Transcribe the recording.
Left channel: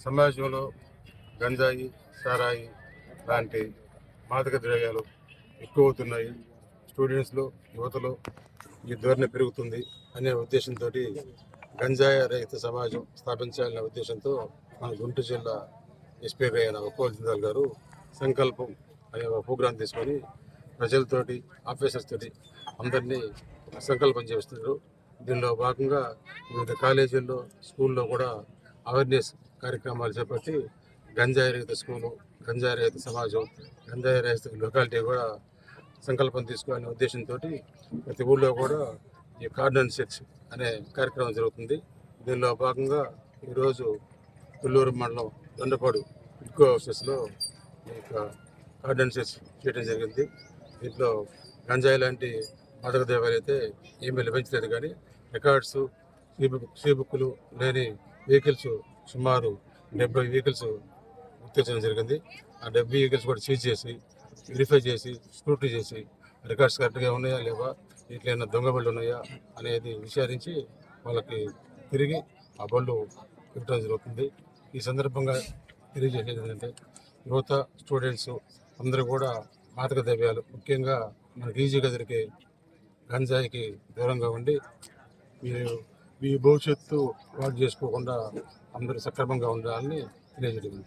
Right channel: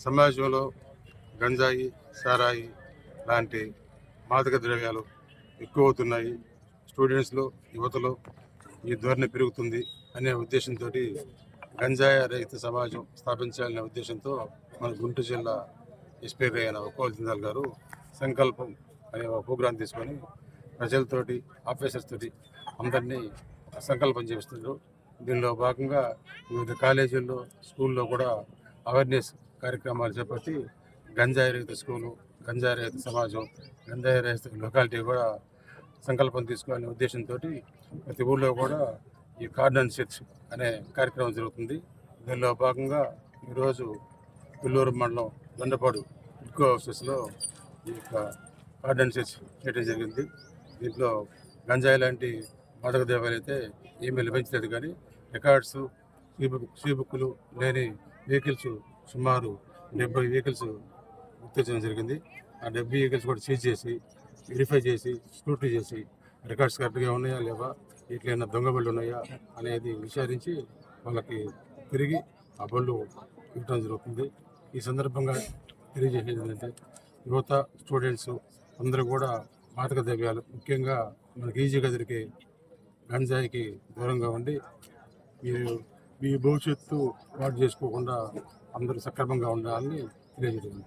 సమాజంలో గంజాయి సారాయి లాంటి మాదక ద్రవ్యాలు ఎక్కువ అవుతున్నాయి స్టూడెంట్స్లో యువతలో ఈ ధోరణి పెరుగుతుంది అనే ఉద్దేశంతో గంజాయి రహిత సమాజం స్థాపించాలనే ఉద్దేశంతో మన గుంటూరు జిల్లా ఎస్పీ అయిన ఉప్పల్ జిందాల్ గారు సంకల్పం అనే ఒక ప్రోగ్రాం తీసుకొని ప్రజలతోటి ఆఫీసర్స్ తోటి అందరినీ ఒక సంకల్పం చేస్తున్నారు దీనిలో భాగంగా వివిధ కాలేజీల్లో స్కూల్లో కూడా అవేర్నెస్ కార్యక్రమాలు చేపట్టి గంజాయి రహిత స్కూలు గంజాయి రహిత సమాజం గంజాయి రహిత లొకాలిటీ కూడా సంకల్పం తీసుకోవాలనే ఉద్దేశంతో ప్రతి ఊళ్ళో కూడా ఈ కార్డన్ చర్చ్ అనే కార్యక్రమం జరుగుతుంది. దీనిలో భాగంగా ఈరోజు తుళ్ళూరు మండలం దొండపాడు ఇడ్కో హౌసెస్లో ఈ యొక్క కార్డన్ చర్చ్ చేయడం జరిగింది. దీంట్లో గంజాయి లాంటి మాదక ద్రవ్యాలు అయితే ఏమీ లభించలేదు కానీ రికార్డ్స్ సీ బుక్ సీ బుక్లు లేని వెహికల్స్ సుమారు డెబ్బై వెహికల్స్ గుర్తించడం జరిగింది. ఆ డెబ్బై వెహికల్స్ కూడా సీజ్ చేసి వెరిఫై చేసి స్క్రూటీ చేసి రికార్డ్స్ కరెక్ట్గా ఉన్నాయా లేవా ఇట్లైనా దొంగ బళ్ళు ఉన్నాయా అనేది విచారించి వాళ్ళకి తిరిగి ఆ బళ్ళు ఇవ్వడం జరుగుతుంది. ఈ సందర్భంగా తెలియజేసేది ఏంటంటే యువత స్టూడెంట్స్ అందరూ కూడా మాదక ద్రవ్యాలు ముఖ్యంగా మనకి ఈజీగా దొరికే గంజాయికి దూరంగా ఉండి మీరు మీ భవిష్యత్తు వాటి చేసుకోకుండా అందరూ సక్రమంగా ఉండాలని తెలియజేయడం